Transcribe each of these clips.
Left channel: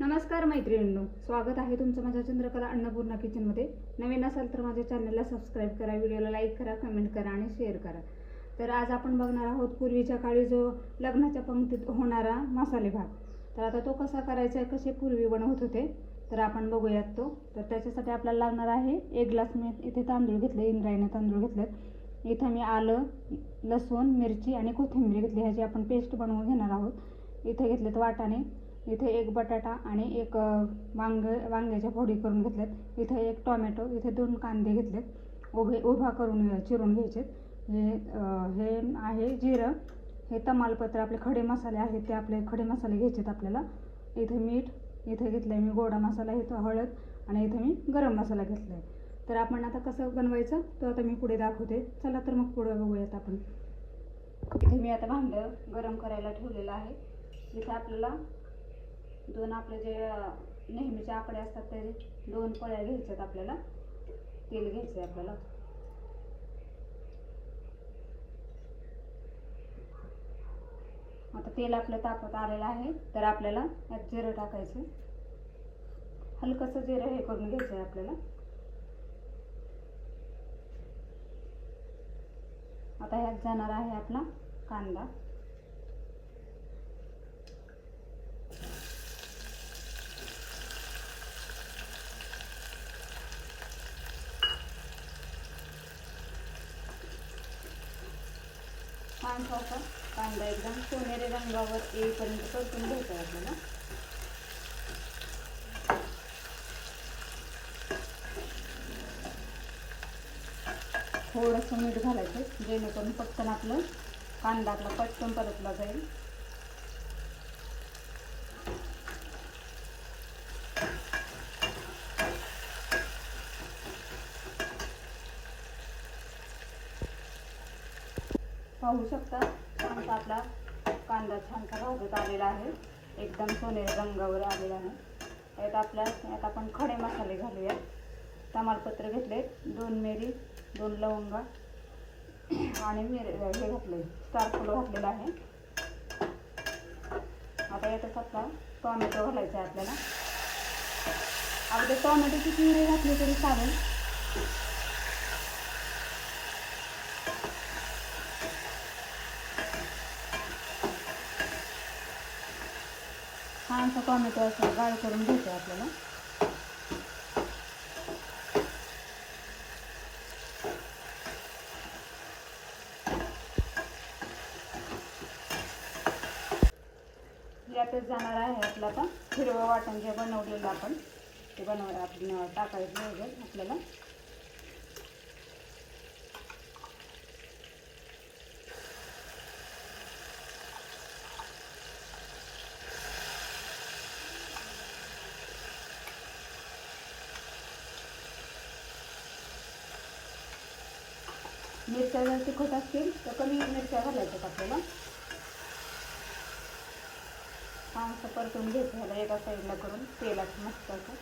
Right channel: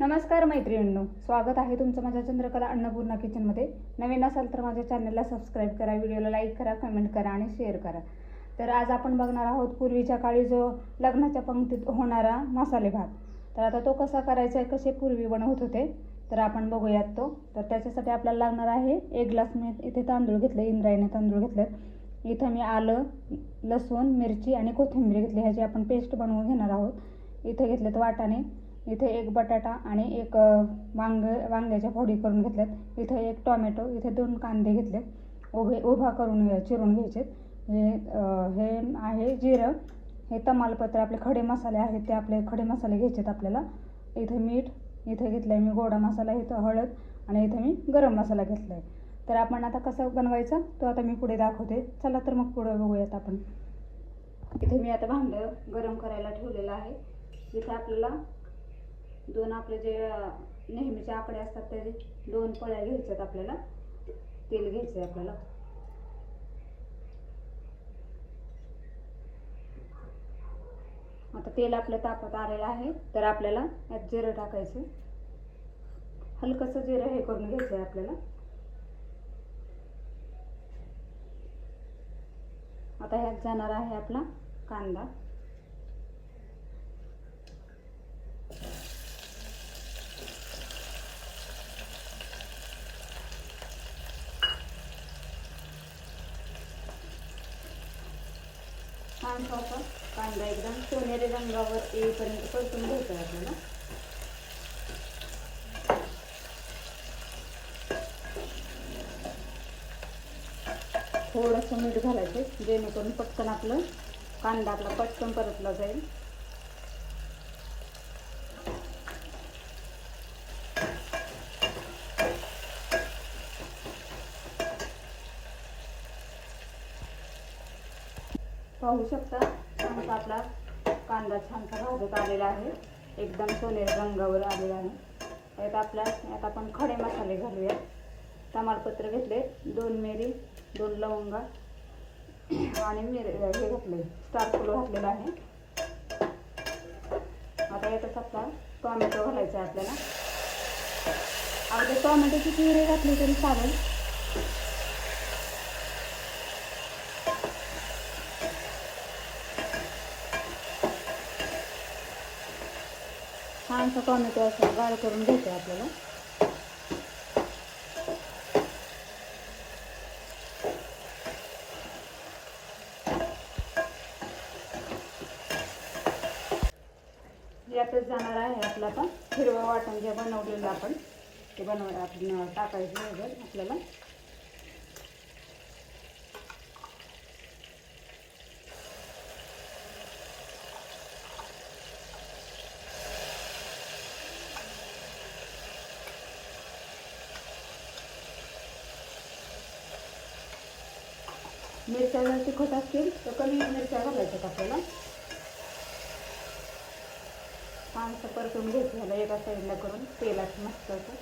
नमस्कार मैत्रिणींनो स्वागत आहे तुमचं माझ्या चंद्रकला अन्नपूर्णा किचनमध्ये नवीन असाल तर माझ्या चॅनलला सबस्क्राईब करा व्हिडिओला लाईक करा कमेंट करा आणि शेअर करा. तर आज आपण बघणार आहोत पूर्वीच्या काळी जो लग्नाच्या पंक्तीत होणारा मसाले भात. तर आता तो कसा करायचा आहे कसे पूर्वी बनवत होते तर आपण बघूयात तो. तर त्याच्यासाठी आपल्याला लागणार आहे एक ग्लास मी इथे तांदूळ घेतले इंद्रायणी तांदूळ घेतलेत इथं मी आलं लसूण मिरची आणि कोथिंबीर घेतली ह्याची आपण पेस्ट बनवून घेणार आहोत. इथे घेतलेत वाटाणे. इथे एक बटाटा आणि एक वांग वांग्याच्या फोडी करून घेतल्यात. इथे एक टोमॅटो इथे दोन कांदे घेतलेत. उभे उभा करून घ्या- चिरून घ्यायचे हे हे आहे जिरं. हे तमालपत्र आपले खडे मसाले आहेत ते आपले खडे मसाले घ्यायचेत आपल्याला. इथे मीठ इथे घेतलं आहे मी गोडा मसाला इथं हळद आणि इथे मी गरम मसाला घेतला आहे तर आपण आता कसं बनवायचं तो आता मी पुढे दाखवते. चला तर मग पुढे बघूयात आपण. इथे मी आता भांडं गरम करायला ठेवलेलं आहे. इथे आपल्याला दोन आपले जे नेहमीचे आकडे असतात ते दोन पळ्या घ्यायच्यात आपल्याला. तेल घ्यायचं आहे आपल्याला. आता तेल आपलं तापत आलेलं आहे तर आपल्याला यात जिरं टाकायचं हलकंसं जिरं हे करून घ्यायचं आहे आपल्याला. आता ह्यात जाणार आहे आपला कांदा. छान असा कांदा एकदम सोनेरी रंगावर येईपर्यंत परतून घ्यायचा आहे. आपल्याला थोडंसं मीठ घालायचं जेणेकरून पटकन आपलं कांदा आपला पटकन परतला जाईल. पाहू शकता. आमचा आपला कांदा छान भाजत आलेला आहे. एकदम सोनेरी रंगावर आलेला आहे. त्यात आपल्या यात आपण खडे मसाले घालूया. तमालपत्र घेतले दोन मिरी दोन लवंगा आणि मिर हे घातले स्टार फुल घातलेलं आहे. आता यातच आपला टॉमॅटो घालायचा आहे आपल्याला. अगदी टॉमॅटोची प्युरे घातली तरी चालेल. छानसा टोमॅटो असा गाळ करून घ्यायचा आपल्याला. यातच जाणार आहे आपला आता. हिरवं वाटण जे बनवलेलं आपण ते बनव आपण टाकायचं वगैरे आपल्याला. मिरच्या जर तिखट असतील तर कमी मिरच्या घालायच्यात आपल्याला हा असं परतून घ्यायचं झालं एका साईडला करून. तेलात मस्त असं.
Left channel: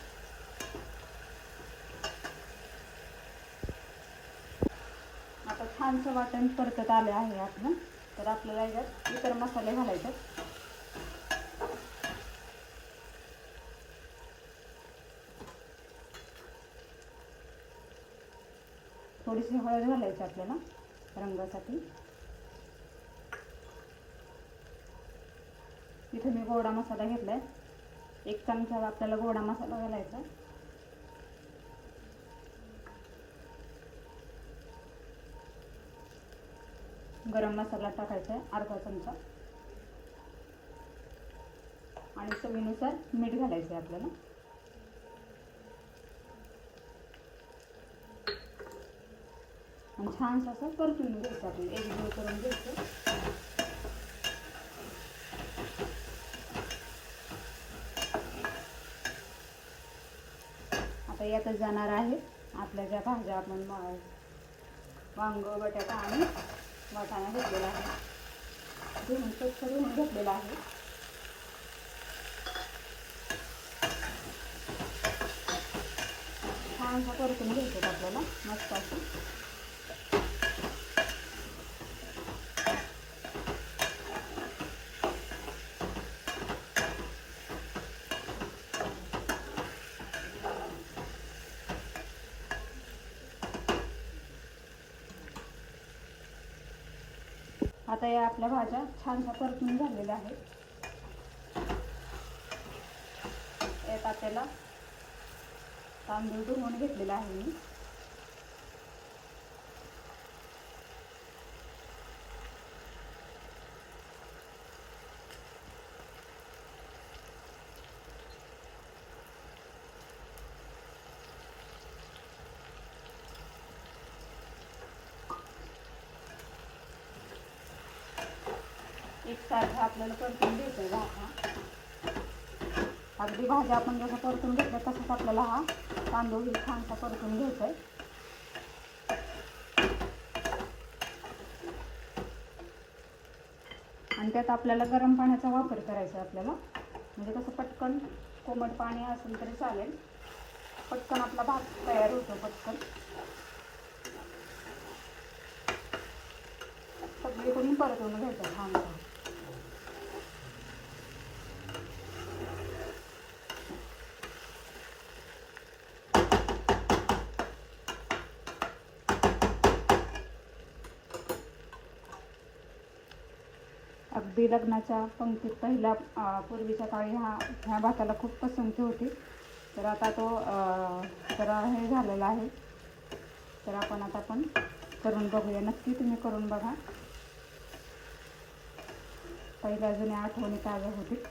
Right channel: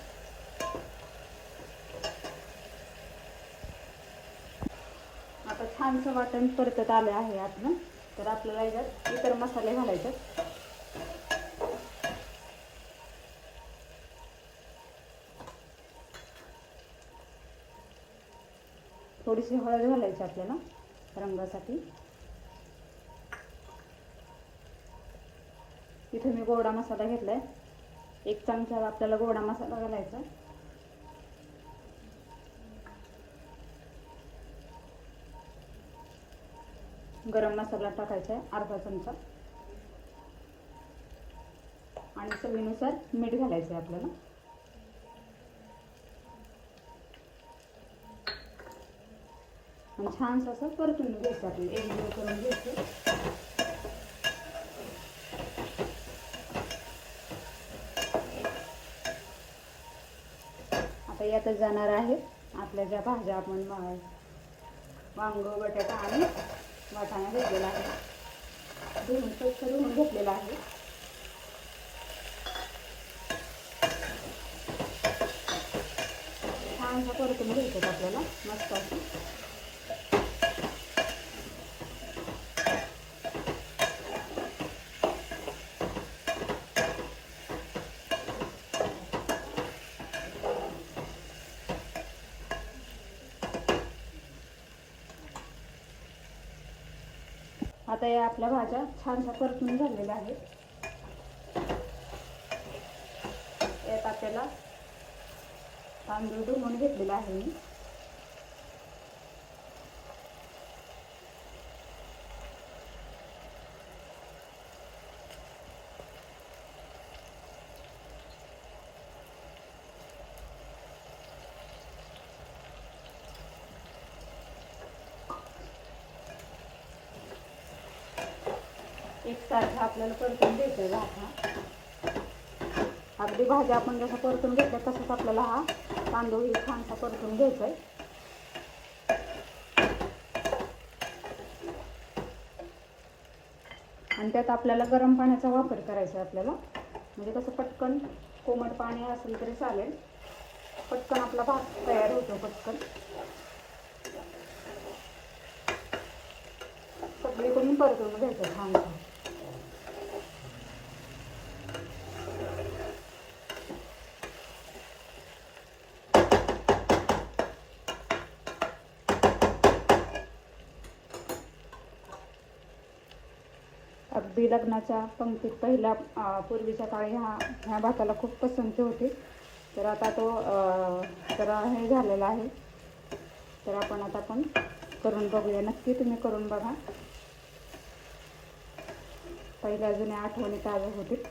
आता छानसं वाटण परतत आले आहे आपलं तर आपल्याला याच्यात इतर मसाले घालायचे. थोडीशी हळद घालायची आपल्याला रंगासाठी. इथे मी गोडा मसाला घेतलाय. एक चमचा आपल्याला गोडा मसाला घालायचा. गरम मसाला टाकायचा आहे अर्धा चमचा. आणि चवीनुसार मीठ घालायचं आहे आपल्याला. आणि छान असं परतून घ्यायचं आपण एक जीव करून घ्यायचं आता यात जाणार आहे आपल्या ज्या भाज्या आपण मा- वांग बटाटा आणि वाटाणा घेतलेला आहे. धुवून स्वच्छ धुवून घेतलेला आहे. छान परतून घ्यायचं आपल्याला मस्त असं. आता या आपल्या भाज्या छानशा परतून झालेल्या आहेत. यात आपल्याला तांदूळ धुवून घेतलेला आहे मी. एकसारखं आपल्याला परतून घ्यायचं हा. अगदी भाज्या आपण जसं परतून घेतल्या तसंच आपल्याला हा तांदूळ छानसा परतून घ्यायचा आहे आणि त्यात आपल्याला गरम पाण्याचा वापर करायचा आहे आपल्याला. म्हणजे कसं पटकन कोमट पाणी असेल तरी चालेल. पटकन आपला भात तयार होतो पटकन. सगळीकडून परतून घ्यायचं छानसा. अगदी लग्नाच्या पंक्तीत पहिल्या पूर्वीच्या काळी हा ह्या भाताला खूप पसंती होती. तर आता तो जरा हे झालेला आहे. तर आपण आता पण करून बघूया. नक्की तुम्ही करून बघा. पहिल्या जुन्या आठवणी ताज्या होतील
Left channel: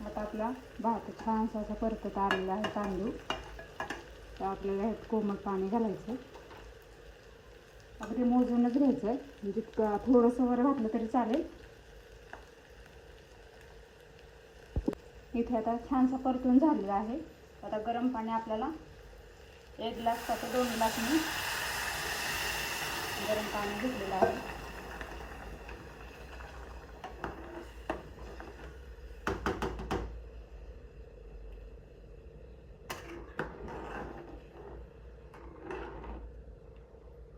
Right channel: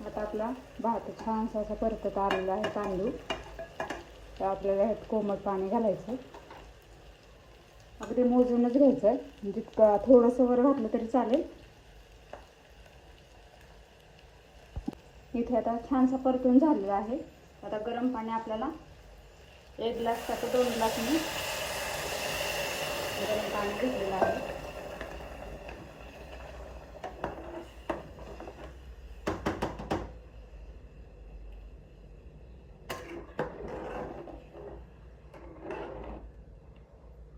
आता आपला भात छानसा असा परतत आलेला आहे तांदूळ. तर आपल्याला ह्यात कोमट पाणी घालायचं. अगदी मोजूनच घ्यायचं आहे म्हणजे जितकं थोडंसं वर घातलं तरी चालेल. इथे आता छानसा परतून झालेला आहे. आता गरम पाणी आपल्याला एक ग्लास का दोन ग्लास मी गरम पाणी घेतलेलं आहे.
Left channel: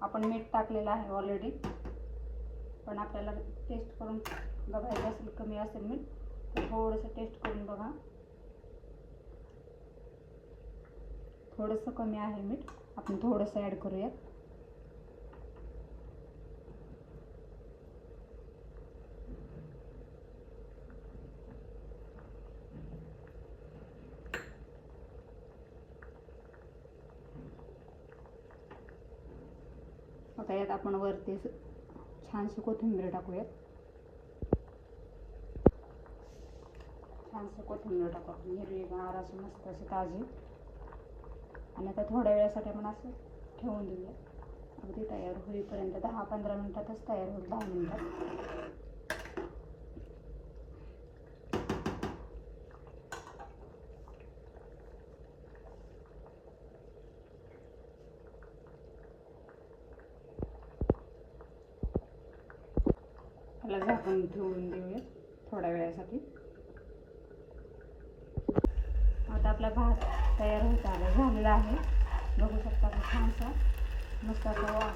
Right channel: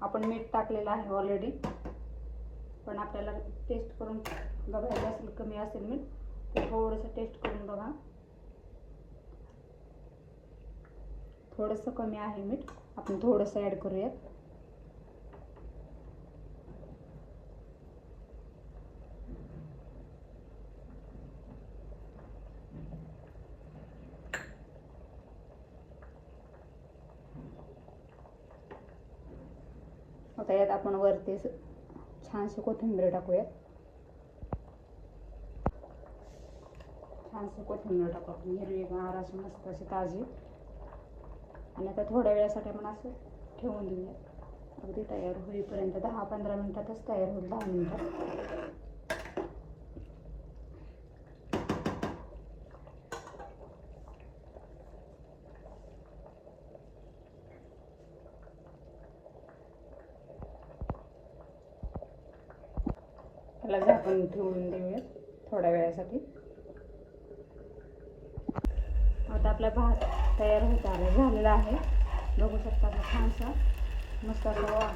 आपण मीठ टाकलेलं आहे ऑलरेडी पण आपल्याला टेस्ट करून बघायचं असेल कमी असेल मीठ तर थोडंसं टेस्ट करून बघा. थोडंसं कमी आहे मीठ. आपण थोडंसं ॲड करूयात. आता यात. आपण वरती छानशी कोथिंबीर टाकूयात. छानशी कोथिंबीर टाकू आपण हिरवीगार अशी मस्त अशी ताजी. आणि आता थोड्या वेळासाठी आपण असं ठेवून देऊया अगदी तयार होईपर्यंत दहा पंधरा मिनटातच तयार होईल दहा मिनटात त्याला झाकून ठेवून देऊयात थोड्या वेळासाठी. आता आपला भात तयार होत आला झालेला आहे. बघू शकता छानसा. मस्त असं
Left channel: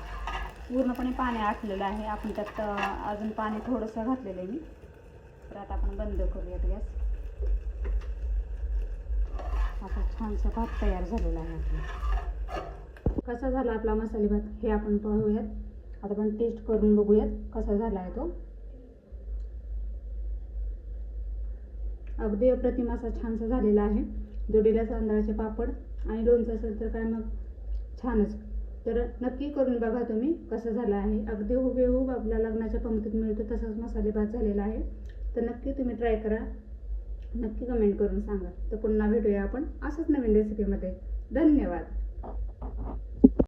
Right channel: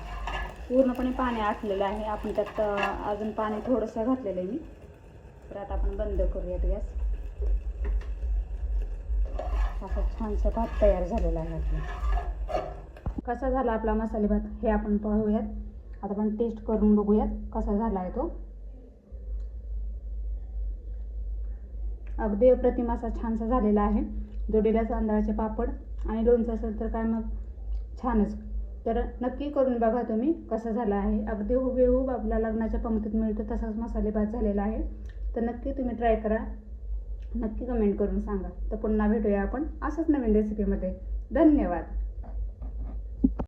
पूर्णपणे पाणी आटलेलं आहे. आपण त्यात अजून पाणी थोडंसं घातलेलं आहे मी. तर आता आपण बंद करूयात गॅस. असा छानसा भात तयार झालेला आहे आपला. कसा झाला आपला मसाले भात हे आपण पाहूयात. आता आपण टेस्ट करून बघूयात कसा झाला आहे तो. अगदी अप्रतिम असा छानसा झालेला आहे. जोडीला तांदळाचे पापड आणि लोणचं असेल तर काय मग? छानच. तर नक्की करून बघा तुम्ही कसं झालं आहे. अगदी हुबेहूब आपल्या लग्नाच्या पंक्तीत मिळतो तसाच मसाले भात झालेला आहे. तर नक्की तुम्ही ट्राय करा. नक्की कमेंट करून सांगा. तर पुन्हा भेटूया आपण असंच नवीन रेसिपीमध्ये धन्यवाद.